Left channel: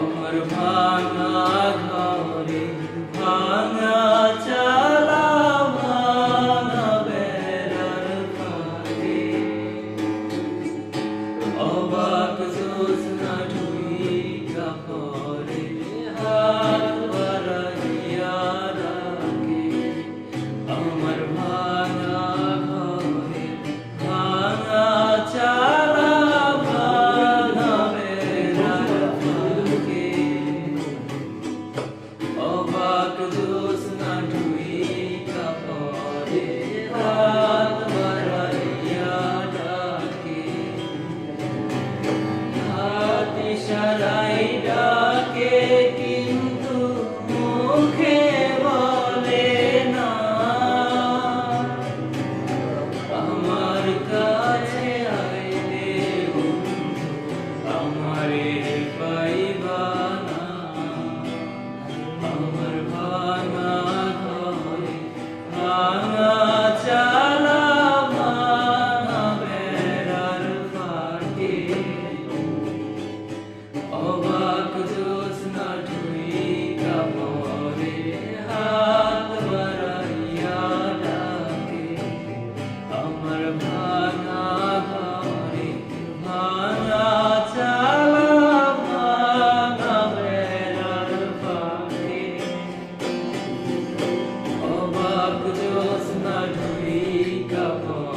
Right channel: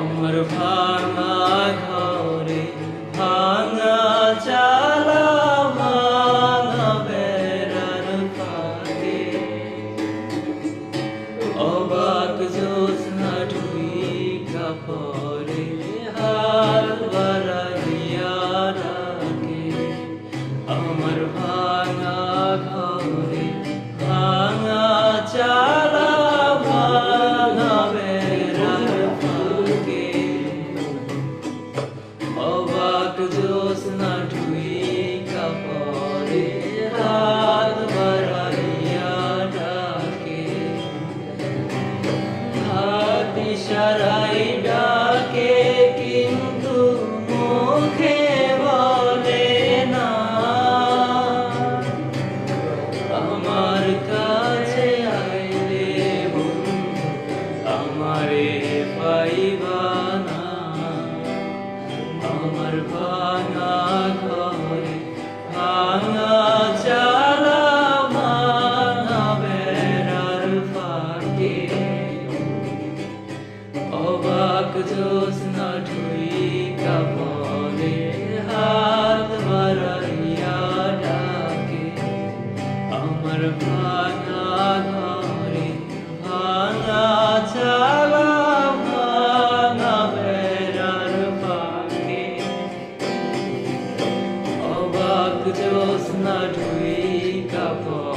আমার ভাঙা ঘরে ভাঙা চালা ভাঙা বেড়ার ফাঁকে অবাক জ্যোৎস্না ঢুইকা পরে হাত বাড়াইয়া ডাকে আমার ভাঙা ঘরে ভাঙা চালা ভাঙা বেড়ার ফাঁকে অবাক জ্যোৎস্না ঢুইকা পরে হাত বাড়াইয়া ডাকে হাত ইশারায় ডাকে কিন্তু মুখে বলে না আমার কাছে আইলে বন্ধু আমারে পাইবা না আমার ভাঙা ঘরে ভাঙা চালা ভাঙা বেড়ার ফাঁকে অবাক জ্যোৎস্না ঢুইকা পরে হাত বাড়াইয়া ডাকে আমার ভাঙা ঘরে ভাঙা চালা ভাঙা বেড়ার ফাঁকে অবাক জ্যোৎস্না ঢুইকা পরে